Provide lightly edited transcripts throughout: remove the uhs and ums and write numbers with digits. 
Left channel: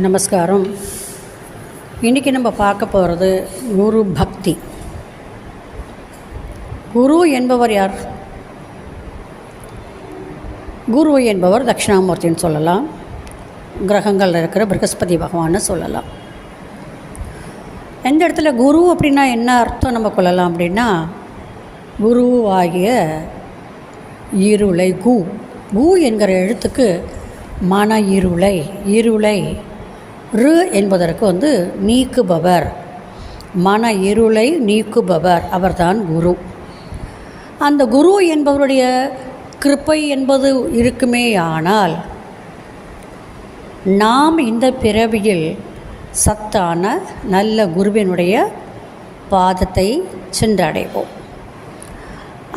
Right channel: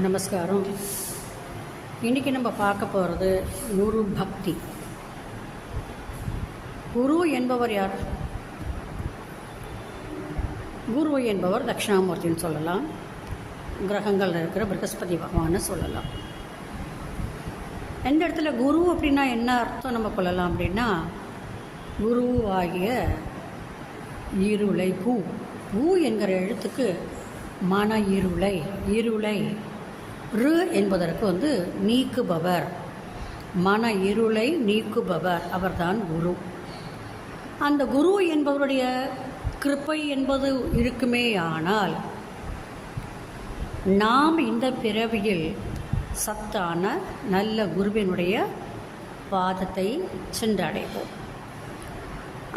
நமஸ்காரம். இன்றைக்கி நம்ம பார்க்க போகிறது குரு பக்தி. குரு என்பவர் யார்? குரு என்பவர் தட்சிணாமூர்த்தின்னு சொல்லலாம், கிரகங்களில் இருக்கிற ப்ரகஸ்பதி பகவான்னு சொல்லலாம். எந்த இடத்துல குரு அப்படின்னா என்ன அர்த்தம் நம்ம கொள்ளலாம் அப்படின்னா, குரு ஆகிய இருளை கு என்கிற எழுத்துக்கு மன இருளை ரு என்பதற்கு நீக்குபவர், மன இருளை நீக்குபவர் அவர்தான் குரு. அந்த குரு என்பவருடைய கிருபை என்பது இருக்குமே. ஆனால் நாம் இந்த பிறவியில் சத்தான நல்ல குருவினுடைய பாதத்தை சென்றடைவோம்.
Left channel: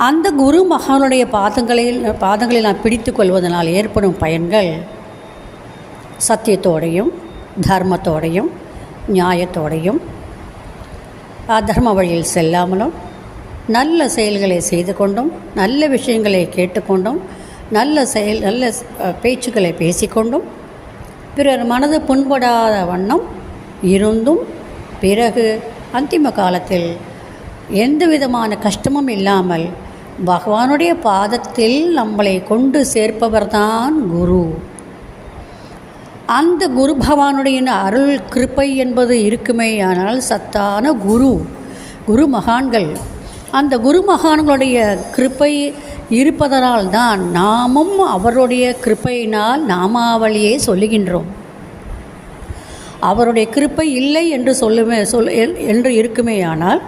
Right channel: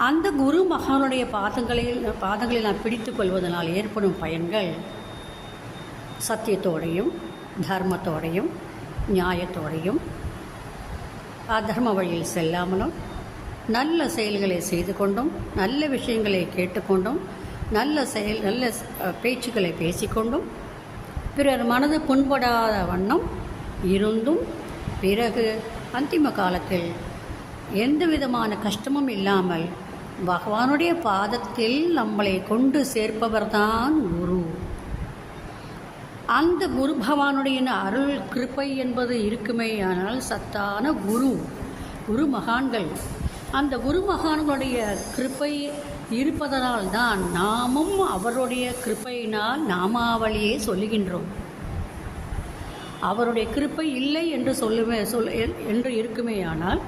அந்த குரு மகானுடைய பாதங்களை நாம் பிடித்து கொள்வதனால் ஏற்படும் பயன்கள் சத்தியத்தோடையும் தர்மத்தோடையும் நியாயத்தோடையும் அதர்ம வழியில் செல்லாமலும் நல்ல செயல்களை செய்து கொண்டும் நல்ல விஷயங்களை கேட்டுக்கொண்டும் நல்ல பேச்சுக்களை பேசிக்கொண்டும் பிறர் மனது புண்படாத வண்ணம் இருந்தும் பிறகு அந்திம காலத்தில் எந்த விதமான கஷ்டமும் இல்லாமல் பகவானுடைய பாதத்தில் நம்மளை கொண்டு சேர்ப்பவர்தான் குரு. அந்த குரு பகவானுடைய அருள் கிருப்பை என்பது இருக்குமே. ஆனால் சத்தான குரு மகான்கள், அந்த குரு மகான்களுடைய கிருப்பை இருப்பதனால் தான் நாமும் அவருடைய கிருப்பையினால் நாமாவளியை சொல்லுகின்றோம். அவருடைய கிருப்பை இல்லை என்று என்று இருக்குமே. ஆனால்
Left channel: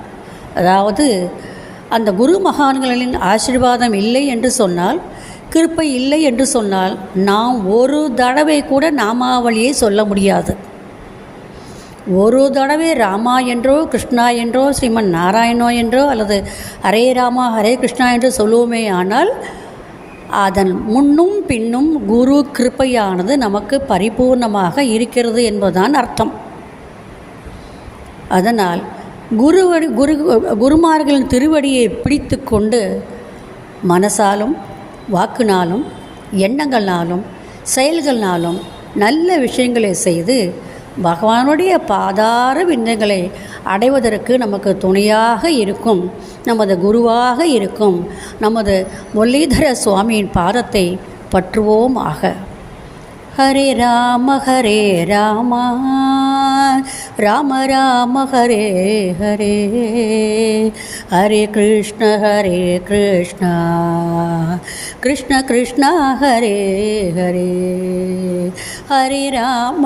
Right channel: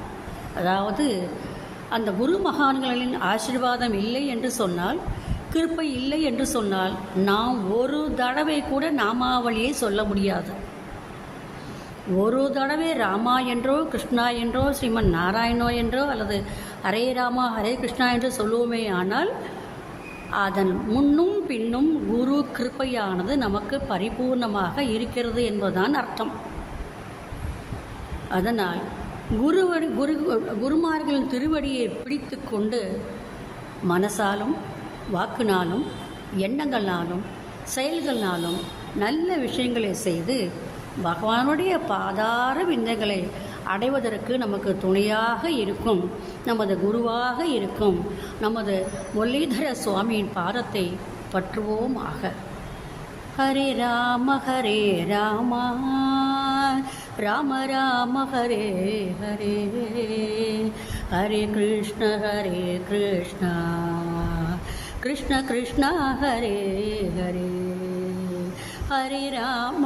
அதாவது அந்த குரு மகான்களின் ஆசீர்வாதம் இல்லை என்று சொன்னால், கிருப்பை இல்லை என்று சொன்னால், நாம் ஒரு தடவை கூட நாமாவளியை சொல்ல முடியாது. ஒரு தடவை ராமா என்றோ கிருஷ்ணா என்றோ ஸ்ரீமன் நாராயணோ என்றோ அல்லது ஹரே ராமா ஹரே கிருஷ்ணா என்று சொல்லுவோமே. ஆனால் அதன் முன்னும் பின்னும் குரு கிருப்பையானது நமக்கு பரிபூர்ணமாக இருக்கிறது என்பதுதான் அர்த்தம். அதனால் குருமார்களின் திருவடியை பிடித்து கொண்டு மனசாலும் வாக்குனாலும் எண்ணங்கள்னாலும் செயல்கள்னாலும் நல்ல விஷயங்களை செய்து பகவானுடைய பாதார விந்தங்களை அடைவதற்கு நமக்கு துணையாக இருக்கும், நமது குருவாக இருக்கும் நமது முரளீதர சுவாமியின் பாதத்தை பற்றுவோம் ஆக. ஹரே ராம ராம ராம ஹரே ஹரே, ஹரே கிருஷ்ண கிருஷ்ண கிருஷ்ண ஹரே ஹரே, ஹரே ராம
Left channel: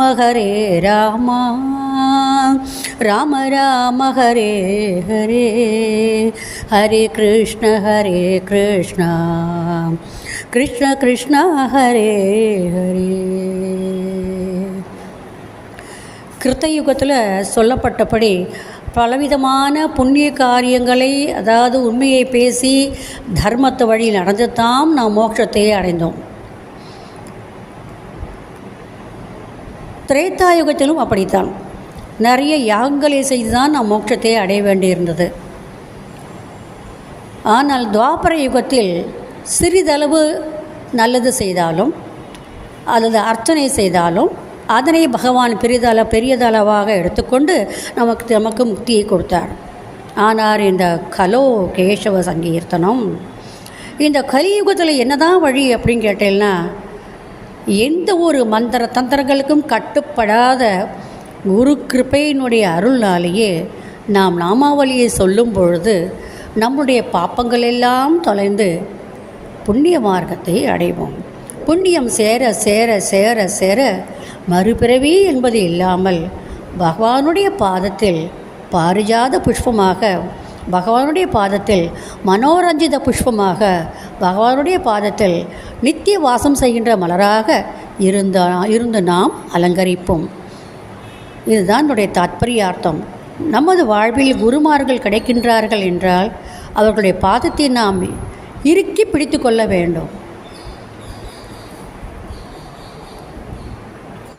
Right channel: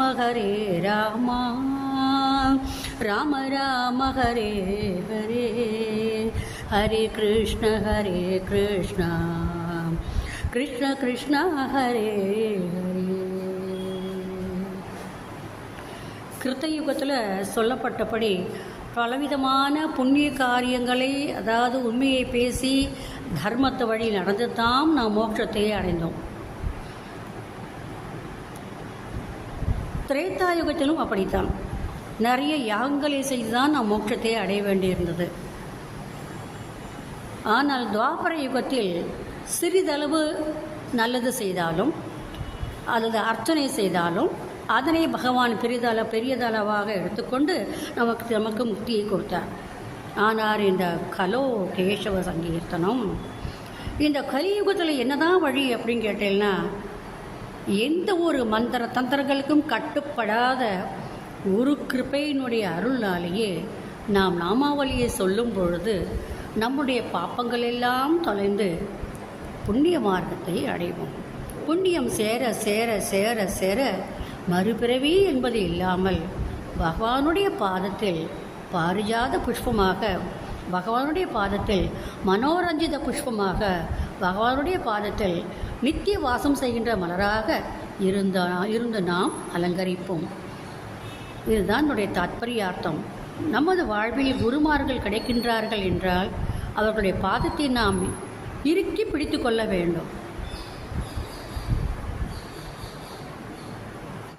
ராம ராம ஹரே ஹரே, ஹரே கிருஷ்ண கிருஷ்ண கிருஷ்ண ஹரே ஹரே. கிருத்தயுகத்தில் சொல்லப்பட்டபடி பலவிதமான புண்ணிய காரியங்களை, அதாவது உண்மையை பேசி தர்மத்தை வழி நடந்து தான் நாம் மோட்சத்தையே அடைந்தோம். திரேதாயுகத்திலும் அப்படித்தான் நிறைய யாகங்களை செய்து தான் நாம் மோட்சத்தை அடைய வேண்டியிருந்தது. ஆனால் துவாபர யுகத்தில் சிறிதளவு நல்லது செய்தாலும் அல்லது அர்ச்சனை செய்தாலும் அதனை பகவான் பெரியதளவாக எடுத்துக்கொண்டு நமக்கு முக்தியை கொடுத்தார். ஆனால் இந்த கலோ கேசவ சங்கீர்த்தனம், இந்த கலியுகத்தில் என்னதான் வழி அப்படின்னு கேட்டேன்னா, எந்த ஒரு மந்திர தந்திரங்களுக்கும் கட்டுப்படாத குரு கிருபையினுடைய அருள்னாலேயே நாம் நாமாவளியை சொல்லும் பொழுது நம்முடைய பாப்பங்கள் எல்லாம் தொலைந்து புண்ணிய மார்க்கத்தை அடைவோம். புண்ணியம் சேர சேர சேர சேர மறுபிறவி என்பது இல்லாமல் பகவானுடைய பாதத்தில் பாரிஜாத புஷ்பமாக, பகவானுடைய பாதத்தில் மனோரஞ்சித புஷ்பமாக, பகவானுடைய பாதத்தில் நித்திய வாசம் செய்கின்ற மலராக இருந்து நாம் அலங்கரிப்போம். இதுதான் என்னுடைய தாத்பரியார்த்தம். நமது வாழ்வில் குருமார்கள் கிடைக்கின்றார்கள் என்றால் அவர்களுடைய பாதத்தை நாம் இறுக்கி பிடித்து கொள்ள வேண்டும்.